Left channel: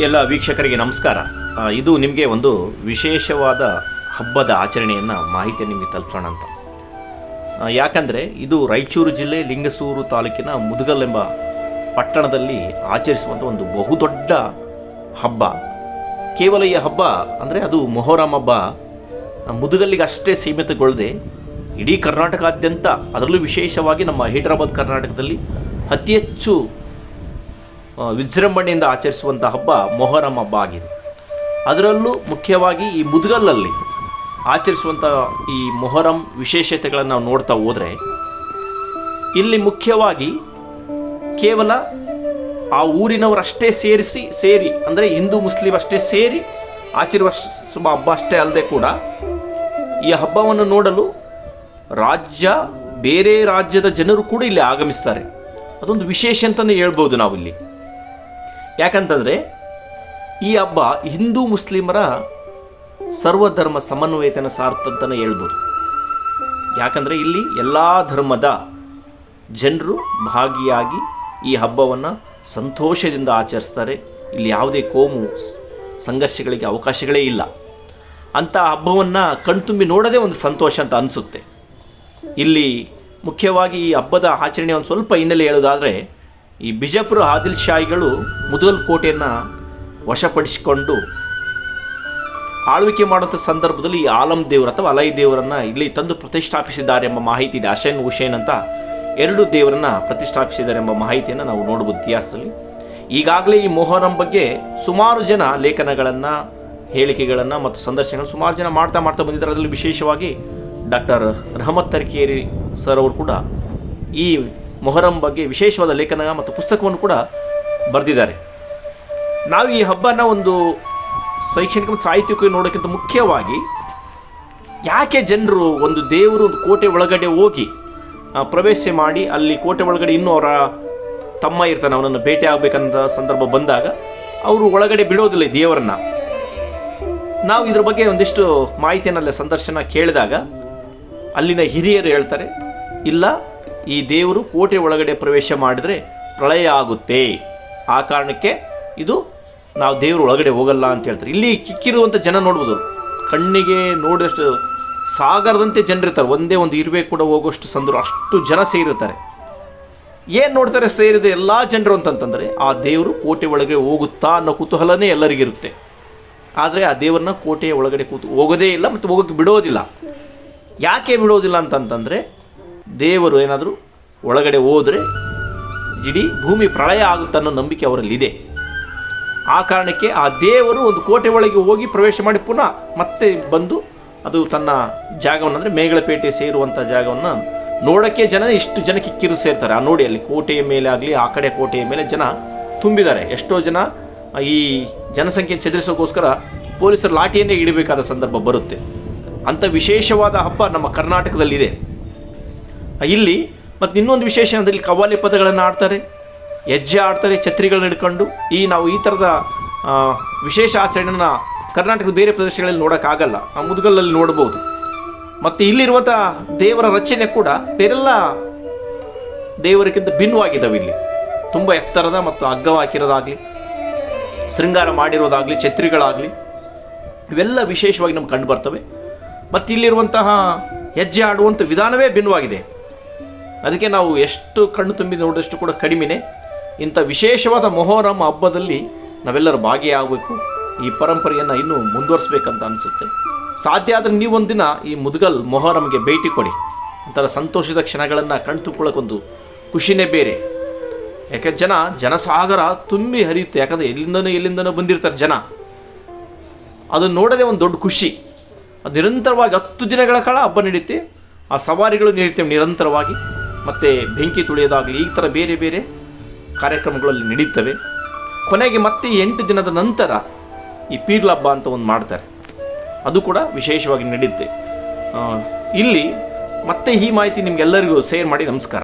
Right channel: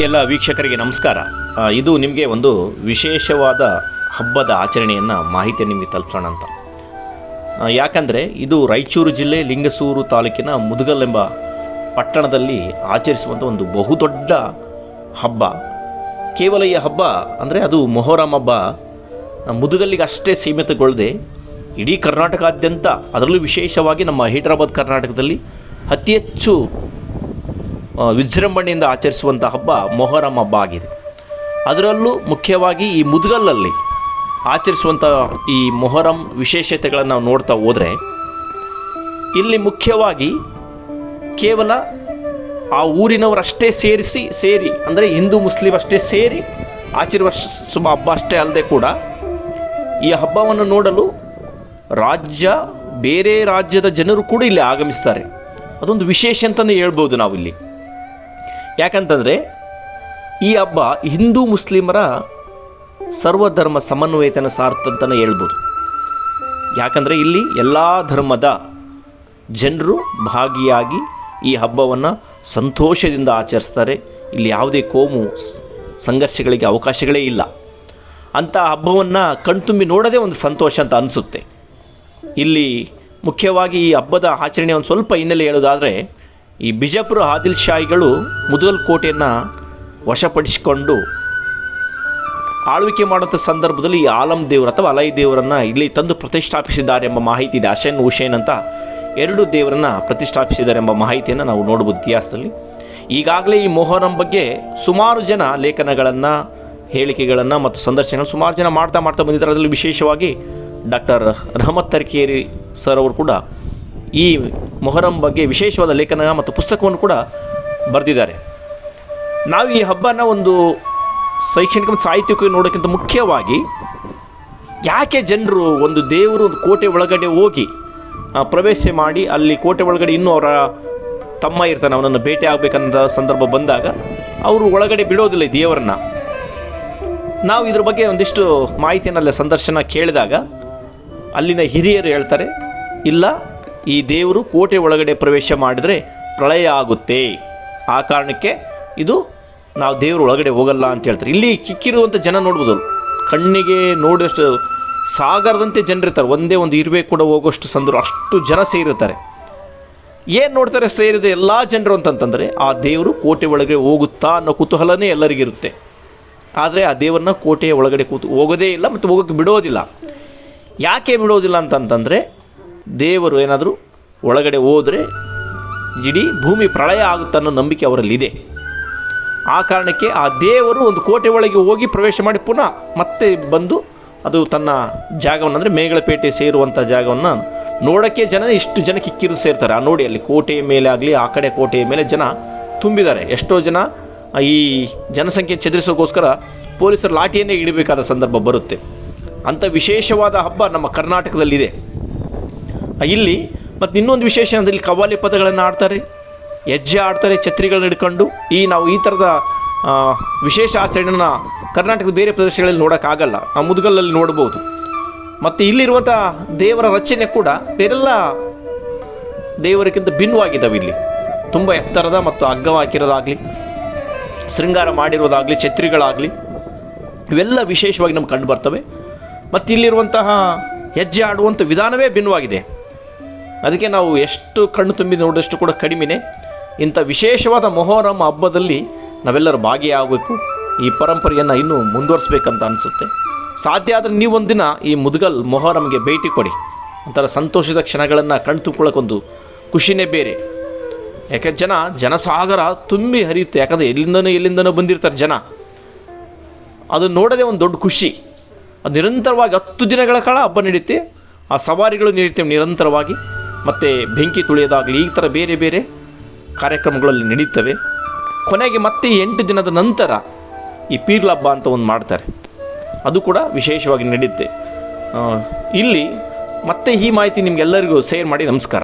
ಎಲ್ಲ ವೀಕ್ಷಕರಿಗೆ ನಮಸ್ಕಾರ. ಇದು ನಿಮಗೆ ಒಂದು ವಿಶೇಷವಾದ ಹಬ್ಬದ ಆಚರಣೆಯನ್ನು ಮಾಹಿತಿ ನಿಮಗೆ ತಲುಪೋಣ ಅಂತ. ಯಾಕಂದರೆ ಇದು ರಾಯಚೂರು ಜಿಲ್ಲೆ ಲಿಂಗಸೂರು ತಾಲೂಕಿನ ಮುದುಗಲ್ ಎಂಬ ಪಟ್ಟಣದಲ್ಲಿ ಆಚರಿಸುವಂಥ ಒಂದು ಬಹುದೊಡ್ಡ ಹಬ್ಬ. ಕೇವಲ ಈ ಹಬ್ಬ ಅಂದರೆ ಅದು ಮೊಹರಂ ಹಬ್ಬ. ಮುದುಗಲ್ಲಿಗೆ ಅಷ್ಟೇ ಸೀಮಿತಗೊಳ್ಳದೆ ಇಡೀ ಕರ್ನಾಟಕಾದ್ಯಂತ ಅದರಲ್ಲೂ ವಿಶೇಷವಾಗಿ ನಮ್ಮ ಹೈದರಾಬಾದ್ ಕರ್ನಾಟಕದಲ್ಲಿ ಅತಿ ಹೆಚ್ಚು ವಿಜೃಂಭಣೆಯಿಂದ ಆಚರಿಸುವಂಥ ಹಬ್ಬ ಮೊಹರಂ ಹಬ್ಬ ಆಗಿದೆ. ಅದರಲ್ಲೂ ಮುಖ್ಯವಾಗಿ ಈ ಮುದ್ಗಲ್ಲಲ್ಲಿ ಆಚರಿಸುವಂಥ ಈ ಮೊಹರಂ ವಿಶೇಷತೆಗಳನ್ನು ನಾವು ನೋಡ್ತಾ ಹೋದರೆ, ಇಲ್ಲಿ ಮುಖ್ಯವಾಗಿ ಕೇವಲ ಆ ಊರಿನವರಷ್ಟೇ ಸೇರಿಸಿ, ಸೇರಿ, ಅಂದರೆ ಹಿಂದೂ ಮುಸ್ಲಿಂ ಅಷ್ಟೇ ಸೇರಿ ಆಚರಿಸುವ ಹಬ್ಬ ಅಷ್ಟೇ ಅಲ್ಲದೆ ಕೂಡ ಈ ಹಬ್ಬವನ್ನು ನೋಡಲು ರಾಜ್ಯ, ಬೇರೆ ರಾಜ್ಯದ ಜನರು ಕೂಡ ಇಲ್ಲಿ ಆಗಮಿಸ್ತಾರೆ. ಅದೊಂದು ವಿಶೇಷ ಅಂತಲೇ ಹೇಳ್ಬೋದು ನಾವಿಲ್ಲಿ. ಯಾಕಂತಂದರೆ ಈ ಹಬ್ಬ ಹಿಂದೂ ಮುಸ್ಲಿಮರ ಸರ್ವಧರ್ಮ ಸಮನ್ವಯತೆನ ಸಾರ್ತಂತಲೇ ಹೇಳ್ಬೋದು. ಯಾಕಂದರೆ ಇಲ್ಲಿ ಎಲ್ಲ ಧರ್ಮದ ಜನರು ಭಾಗಿಯಾಗಿ ಈ ಹಬ್ಬವನ್ನು ಸಂತೋಷದಿಂದ ಆಚರಿಸ್ತಾರೆ. ಇಲ್ಲಿ ಯಾವುದೇ ಕೋಮು ಸಂಘರ್ಷಗಳಿಗೆ ಅವಕಾಶಗಳೇ ಇಲ್ಲ. ಅಂಥ ಹಬ್ಬವನ್ನು ಕಣ್ತುಂಬಿ ನೋಡೋದೇ ಒಂದು ಸಂತೋಷ ಅಂತ ಅನಿಸುತ್ತೆ. ಇಲ್ಲಿ ಮುಖ್ಯವಾಗಿ ಈ ಹಬ್ಬದ ಆಚರಣೆ ಒಂದು ಸ್ವಲ್ಪ ಹಿನ್ನೆಲೆ ಹೇಳೋದಾದರೆ ಈ ಬಿಜಾಪುರ ಆದಿಲ್ ಶಾಹಿಗಳು ಮುದಲ್ ಕೋಟೆಯನ್ನು ವಶಪಡಿಸಿಕೊಂಡು ಆಳ್ವಿಕೆ ಮಾಡುವಂಥ ಸಂದರ್ಭದಲ್ಲಿ ಈ ಆಲಂ ದೇವರು ಅಥವಾ ಅಲೈ ದೇವರನ್ನು ಇಲ್ಲಿ ತಂದು ಪ್ರತಿಷ್ಠಾಪಿಸಿದ್ದಾರೆ ಎಂಬ ಮಾಹಿತಿ ಇದೆ. ಅಶೇನ್ ಹುಷೇನ್ ಅಂತ ಎರಡು ದೇವರನ್ನು ಪ್ರತಿಷ್ಠಾಪಿಸಿದ್ದಾರೆ ಎಂಬ ಮಾಹಿತಿಯನ್ನು ನಾವು ನೋಡ್ಬೋದು ಇತಿಹಾಸದಲ್ಲಿ. ಈಗಾಗಲೇ ಈ ಮೊಹರಂ ಬಗ್ಗೆ ಸುಮಾರು ಜನ ಲೇಖನಗಳನ್ನು, ಹೇಳಿಕೆಗಳನ್ನು ಮತ್ತು ಸಂದರ್ಶನಗಳು ಸುಮಾರು ಜನ ಮಾಡ್ತಾ ಮಾಡ್ತಾ ಬಂದಿದ್ದಾರೆ. ಅದರಲ್ಲಿ ವಿಶೇಷವಾಗಿ ಡಾಕ್ಟರ್ ರಹಮತ್ ತರ್ಕೇರಿ ಸರ್ ಅವರು ಕೂಡ ಈ ಮೊಹರಂ ಬಗ್ಗೆ ವಿಶೇಷವಾದ ಲೇಖನ ಮತ್ತು ಪುಸ್ತಕವನ್ನು ಕೂಡ ಬರೆದಿದ್ದಾರೆ. ನಾವು ಈ ಹಬ್ಬನ ಒಂದು ಶೈಕ್ಷಣಿಕ ಮತ್ತು ಸಾಹಿತ್ಯಕ್ಕೆ ನೋಡೋಕ್ಕಿಂತ ಮುಖ್ಯವಾಗಿ ಯಾಕೆ ಜನರು ಒಂದು ದೇವರು ಒಂದು ಕೋಟೆ ಒಳಗಡೆ ಹೋಗಿ ಪ್ರವೇಶ ಮಾಡಿ ಅಲ್ಲಿ ಕೋಟೆ ಒಳಗಡೆ ಇನ್ನೂ ಅವರ ತಮ್ಮ ಇರ್ತಾನೆ, ಅವನನ್ನು ಭೇಟಿ ಆಗಬೇಕಂತ ಸಂದರ್ಭ ಬಂದಾಗ ಅವರು ಒಳಗಡೆ ಬಿಡೋದಿಲ್ಲ ದೇವರನ್ನ. ನಾವು ಇದ್ರ ಬಗ್ಗೆ ಒಂದಿಷ್ಟು ಮಾಹಿತಿಯನ್ನೆಲ್ಲ ಸಂದರ್ಶನ ಕೇಳಿದಾಗ ಅಲ್ಲಿನ ಹಿರಿಯರು ಹೇಳ್ತಾರೆ, ಇಲ್ಲ ಈ ದೇವರು ಕೋಟೆ ಒಳಗಡೆ ಪ್ರವೇಶ ಮಾಡಿದರೆ ಪ್ರಳಯ ಆಗುತ್ತೆ. ಆ ಕಾರಣಕ್ಕೆ ಇದು ನಾವು ದೇವರು ಒಳಗಡೆ ಹೋಗಲ್ಲ ಅಂತ ಹೇಳ್ತಾರೆ. ಇಲ್ಲಿ ಕಿಕ್ಕಿರುವಂಥ ಜನ ನೋಡ್ಬೋದು. ಕಣ್ಣಿಗೆ ನೋಡೋಷ್ಟು ಸಾಗರದಂತೆ ಜನರಿರ್ತಾರೆ ಒಂದೇ ಒಂದು ಇರುವೆ ಕೂಡ ಹೋಗೋಷ್ಟು ಸಂದರು ಅಷ್ಟು ಜನ ಸೇರಿರ್ತಾರೆ. ಏನು ನೋಡ್ತಾರೆ ಸೇರಿದ ಎಲ್ಲ ಜನರು ಅಂತಂತಂದರೆ ಆ ದೇವರು ಕೋಟೆ ಒಳಗೆ ಹೋಗುತ್ತಾ ಅನ್ನೋ ಕುತೂಹಲನೇ ಎಲ್ಲರಿಗಿರುತ್ತೆ ಆದರೆ ಆ ದೇವರನ್ನ ಕೋಟೆಯ ಒಳಗಡೆ ಕೂತು ಹೋಗೋದೇ ಇಲ್ಲ ಮತ್ತು ಹೋಗೋಕ್ಕೆ ಬಿಡೋದಿಲ್ಲ. ಯಾಕೆ ಬಿಡೋದಿಲ್ಲ ಅಂತಂತಂದರೆ ದೇವರು ಏನಾದರೂ ಒಳಗಡೆ ಹೋದರೆ ಇಡೀ ಭೂಮಿ ಪ್ರಳಯ ಆಗುತ್ತೆ ಅನ್ನೋ ನಂಬಿಕೆ ಅವರಲ್ಲಿದೆ. ಆ ಕಾರಣಕ್ಕೆ ಆ ದೇವರು ಒಂದು ಕೋಟೆ ಒಳಗೆ ಹೋಗಿ ಪ್ರವೇಶ ಮಾಡಿ ಪುನಃ ಮತ್ತೆ ಬಂದು ಅದು ತನ್ನ ಜಾಗವನ್ನು ಅಂದರೆ ಮೇಗಳಪೇಟೆ ಸೇರುವಂಥ ಜಾಗವನ್ನು ನೋಡೋಕ್ಕೆ ಜನ ಇಷ್ಟು ಜನ ಕಿರು ಸೇರ್ತಾರೆ. ಆ ನೋಡಿ ಅಲ್ಲಿ ಕೋಟೆಯ ಮೇಲೆ ಆಗಲಿ, ಆ ಕಡೆ ಕೋಟೆಯ ಮೇಲೆ ಜನ ತುಂಬಿದ್ದಾರೆ. ಎಷ್ಟೋ ಜನ ಈ ಜನಸಂಖ್ಯೆ ಚದುರಿಸೋಕ್ಕೋಸ್ಕರ ಪೊಲೀಸರು ಲಾಠಿಯನ್ನೇ ಇಡಬೇಕಾದ ಸಂದರ್ಭ ಬರುತ್ತೆ. ಅಂಥ ವಿಶೇಷವಾದ ಹಬ್ಬ ನಮ್ಮ ಕರ್ನಾಟಕದಲ್ಲಿದೆ. ಇಲ್ಲಿ ಮತ್ತು ಇನ್ನೊಂದು ವಿಶೇಷ ಅಂದರೆ ಇಲ್ಲಿ ಕವ್ವಾಲಿ ಪದಗಳನ್ನು ಆಡ್ತಾರೆ ಹೆಜ್ಜೆ ಆಡ್ತಾರೆ, ಛತ್ರಿಗಳನ್ನ ಹಿಡ್ಕೊಂಡು. ಈ ನಾವು ಈ ಥರದ ವಿಶೇಷ ಆಚರಣೆನ ಕರ್ನಾಟಕದ ಬೇರೆ ಪ್ರದೇಶಗಳಲ್ಲಿ ನೋಡೋಕ್ಕಾಗಲ್ಲ. ನಾವು ಮುದುಗಲ್ಲಲ್ಲಿ ನೋಡ್ಬೋದು. ಮತ್ತು ಇಲ್ಲಿರುವಂಥ ದೇವರ ರಚನೆ ಕೂಡ ಬೇರೆಲ್ಲ ದೇವರಿಗಿಂತ ಭಿನ್ನವಾಗಿದ್ದಾವೆ ಇಲ್ಲಿ. ತುಂಬ ಎತ್ತರದ ಮತ್ತು ಹಗ್ಗ ಹಾಕಿರೋದಾಗಲಿ ಶೃಂಗಾರ ಮಾಡಿರೋದಾಗಲಿ, ಛತ್ರಿಗಳಾಗಲಿ, ಇವೆಲ್ಲ ವಿಶೇಷವಾಗಿ ನಮ್ಗೆ ಕಂಡು ಬರ್ತವೆ. ಮತ್ತು ಇಲ್ಲಿರುವಂತಹ ಹೆಜ್ಜೆ ಆಡುವಂಥ ವಿಧಾನವೇ ಭಿನ್ನವಾಗಿದೆ. ಅದಕ್ಕೆ ನಾವು ಎಷ್ಟು ಕಣ್ಣು ತುಂಬಿ ನೋಡಿದಷ್ಟು ಕೂಡ ಕಡಿಮೆನೇ. ಇಂಥ ವಿಶೇಷವಾದ ಮೊಹರಂ ಹಬ್ಬದಲ್ಲಿ ನಾವೆಲ್ಲರೂ ಭಾಗಿಯಾಗಬೇಕು. ಈ ಪರಂಪರೆಯನ್ನು ಇನ್ನೂ ಮುಂದುವರಿಸ್ಬೇಕಂತ ಅನಿಸುತ್ತೆ. ಸಾಧ್ಯ ಆದರೆ ನೀವೊಂದಿನ ಈ ಮುದುಗಲ್ ಮೊಹರಂಗೆ ಭೇಟಿ ಕೊಡಿ. ಒಂಥರ ಸಂತೋಷದ ಕ್ಷಣಗಳನ್ನು ಕಣ್ತುಕೊಳ್ಳೋಕ್ಕೊಂದು ಖುಷಿನೇ ಬೇರೆ. ಯಾಕೆ ಜನ, ಜನಸಾಗರ ತುಂಬಿ ಹರಿಯುತ್ತೆ. ಯಾಕಂದರೆ ಎಲ್ಲಿಂದನೋ ಎಲ್ಲಿಂದನೋ ಬಂದಿರ್ತಾರೆ ಜನ. ಅದು ನೋಡೋದೇ ಒಂದು ದೊಡ್ಡ ಖುಷಿ. ಅದು ನಿರಂತರವಾಗಿ ಹತ್ತು ದಿನಗಳ ಕಾಲ ಹಬ್ಬ ನಡೆಯುತ್ತೆ ಆ ಸವಾರಿಗಳು ನಡೆಯುತ್ತೆ ನಿರಂತರವಾಗಿ. ಮತ್ತು ಬೆಂಕಿ ತುಳಿಯೋದಾಗಲಿ, ಈ ಥರ ಬೇರೆ ಬೇರೆ ಕಾರ್ಯಕ್ರಮಗಳಲ್ಲಿ ನಡೀತವೆ. ಕೊನೆಗೆ ಮತ್ತೆ ಎಂಟು ದಿನದ ನಂತರ ಈ ಪೀರ್ಲ ಹಬ್ಬ ಅಂತ ಒಂದು ಮಾಡ್ತಾರೆ. ಅದು ಕೂಡ ವಿಶೇಷವಾಗಿ ನಡೆಯುತ್ತೆ ಇಲ್ಲಿ ಮತ್ತೆ ಈ ಮಾಹಿತಿ ನಿಮಗೆಲ್ಲರಿಗೂ ಶೇರ್ ಮಾಡಿ ನಮಸ್ಕಾರ.